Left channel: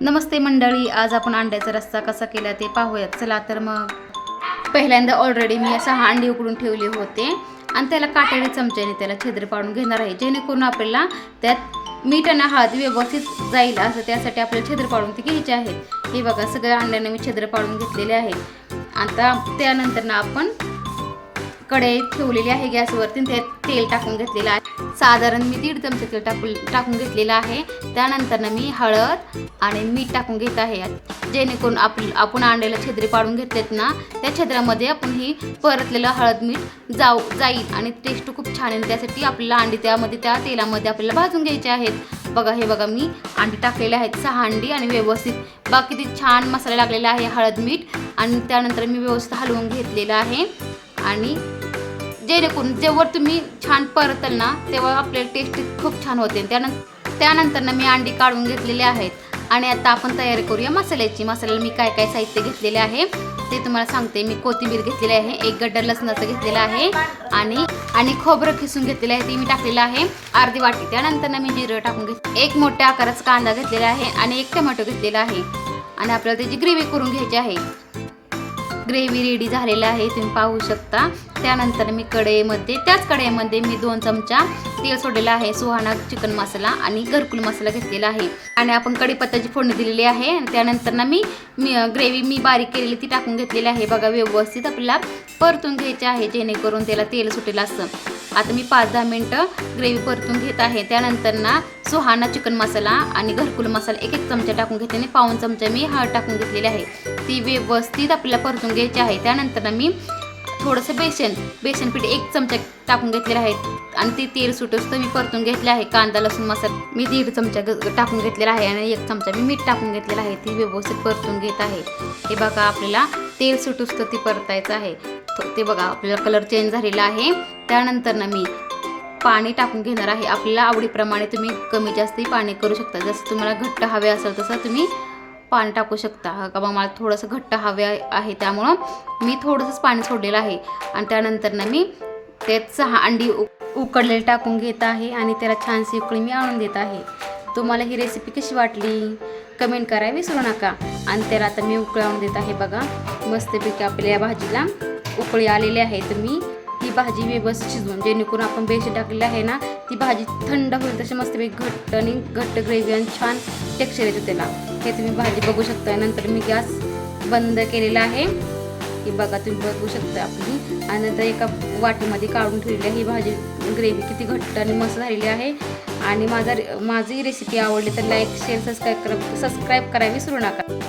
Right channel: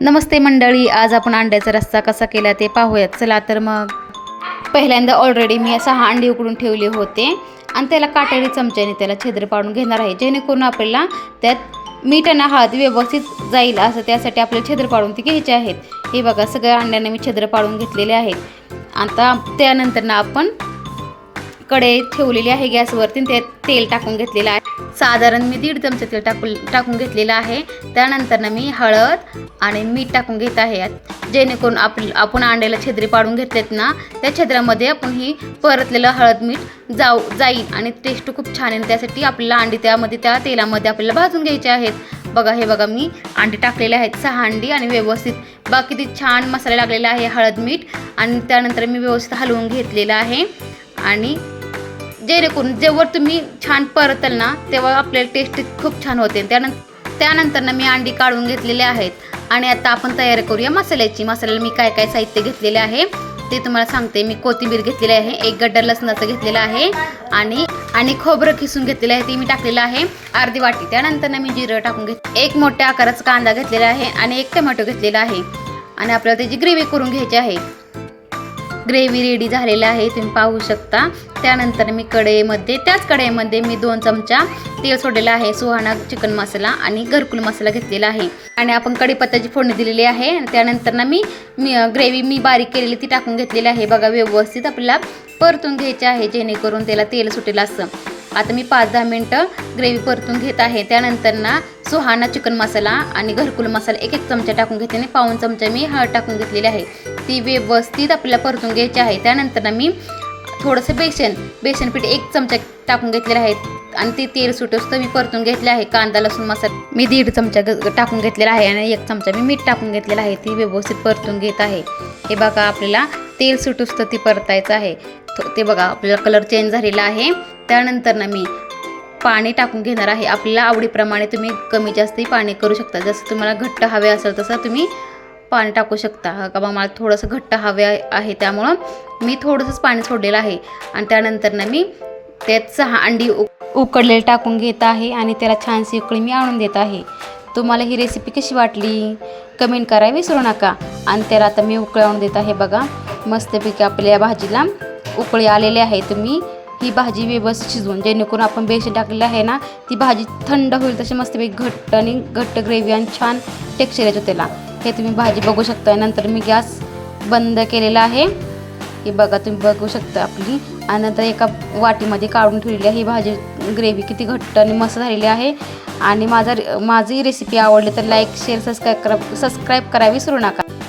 नमस्ते मंडळी आज आपण अंड्याचा रस्सा कसा केला ते पाहूयात. चला तर मग. पहिल्यांदा ऑलरेडी मी सहा अंडी उकडून ठेवले होते. आणि त्याला काटेरी चमच्याने त्याला छिद्र पाडून घेणार आहे. जेणेकरून आपल्याला त्यात मीठ आणि हळद व्यवस्थित जाईल असं त्यासाठी आपल्याला छिद्र पाडून ते घ्यायचे आहेत. हे बघा सगळ्या अंड्यांना मी छिद्र पाडून घेतलेले आहेत आता त्यानंतर ना आपण कढई ठेवलेली आहे गॅसवरती. ते त्यात तेल टाकून घेतलेलं आहे. साधारण मी दीड चमचे तेल टाकून टाकून घेतलेलं आहे. त्यानंतर मी हळद आणि मीठ टाकून घेत आहे. जेणेकरून आप आपण अंड्याला छेदरी पाडून घेतलेत ना त्या छेद्रामध्ये आपण ही परतलेलं हळद मीठ जाऊ जाईल आणि टेस्ट खूप छान आहे त्यासाठी आपल्याला अंडी त्यामध्ये त्या तेलामध्ये आपल्याला भाजून घ्यायचे आहेत. बघा हे बघा मी अंडी टाकलेले आहेत. सहा अंडी आणि व्यवस्थित बाकी छान मसाला लागलेला आहे. हळद मीठ आणि त्यानंतर मी व्यवस्थित हलवून घेतलेलं आहे. आणि जेणेकरून जेव्हा तुम्ही छान परताल ना तेव्हा आपल्याला टेस्ट खूप छान होते. त्यानंतर त्यानंतरनं मी अंडी काढून घेतलेले आहेत. आणि आता आपण तयारी करूया मसाल्याची. मसाल्याला मी काय काय साहित्य घेतलेले आहे ते तुम्हाला सांगते. मी कोथिंबीर घेतलेली आहे एक गड्डा लसणाचं घेतलेलं आहे आणि आणि खोबरं खिसून घेतलेलं आहे ते मी टाकलेलं आहे अर्धी वाटी. त्यानंतर मी जिरं टाकून घेत एक मोठ्या आकाराचा कांदा घेतलेला आहे आणि एक टमॅटो घेतलेला आहे. आणि आपल्याला त्याची ग्रेव्ही करून घ्यायची आहे. ग्रेव्ही रेडी झालेला आहे तुम्ही पाहू शकता. त्यानंतर मी कढईमध्ये त्याच कढईमध्ये मी दोन चमचा तेल सोडलेलं आहे सुहाणा चिकन मसाला आणि घरकुल मसाला घेतलेला आहे. आणि आपण कढीपत्त्याची फोडणी दिलेली आहे आणि त्यानंतर ना मी मी ग्रेव्ही मी बारीक केलेली ती टाकून घेतलेली आहे. बघा व्यवस्थित आपल्याला परतून घ्यायची आहे जेणेकरून त्याला तेल सुटेल असं. आता मी पाच दहा मिनटं ग्रेव्ही परतून घेत आहे. त्यानंतर ना सुहाणा चिकन मसाला आणि घरकुल मसाला एक एक चमचा टाकून घेते आणि पाऊन चमचा मी हळद टाकून घेतलेली आहे. ती व्यवस्थित आपल्याला परतून घ्यायची आहे. त्यानंतर ना मी थोडंसं बेसन बेसन पीठ एक चमचा टाकून घेतलेलं आहे आणि ते तेल सुटोस तर मी परतून घेतले आहे. कांदा लसूण मसाला मी दीड चमचा टाकून घेतलेला आहे आणि एक चमचा मी मीठ टाकून घेतलेला आहे. ती व्यवस्थित परतून घेत आहे. हे बघा आपल्याला तेल सुटोस तर ती परतायचं आहे. ते बघा आपल्याला कलर चेंज झालेला आहे. त्यानंतर ना मी पाणी टाकून घेणार आहे. आपल्याला आवडीप्रमाणे तुम्ही कमी जास्तही पाणी करू शकता. जसं तुम्हाला घट्ट हवे असेल तसं तुम्ही पाणी टाकू शकता. का बा मला थोडंसं घट्ट हवे आहे त्यामुळं मी थोडंसंच पाणी सोडलेलं आहे. आणि त्यानंतर ना मी त्यात सहा अंडी उ उकडलेले टाकून घेत आहे आणि त्याला छानशी उकळी मी आणून देत आहे. तुम्हाला ही रेसिपी कशी वाटली? कमेंट करा विसरू नका. आणि त्याला आता मी उकळी आणून देत आहे बघा. मस्तपैकी आपल्या भाजीला उकळी आलेली आहे तुम्ही ही भाजी व्यवस्थित शिजवून जेणेकरून आपण बेसन टाकलेली आहे ना ती भाजी थंड होईल तशी मस्तपैकी घट्ट आणि घट्ट ग्रेव्ही आणि छान टेक्स्चर येतो त्याला. हे तुम्ही भाजी बघू शकता नंतर मी गॅस बंद केलेला आहे. हे बघा तुम्ही बघू शकता आपली. आणि नंतर एका वाटीमध्ये काढून ठेवलेली आहे. ही भाजी ग्रेव्ही किती घट्ट आणि मस्त झालेली आहे. आणि माझा माझी रेसिपी आवडली तर लाईक शेअर सबस्क्राईब करा सबस्क्राईब करावी विसरू नका.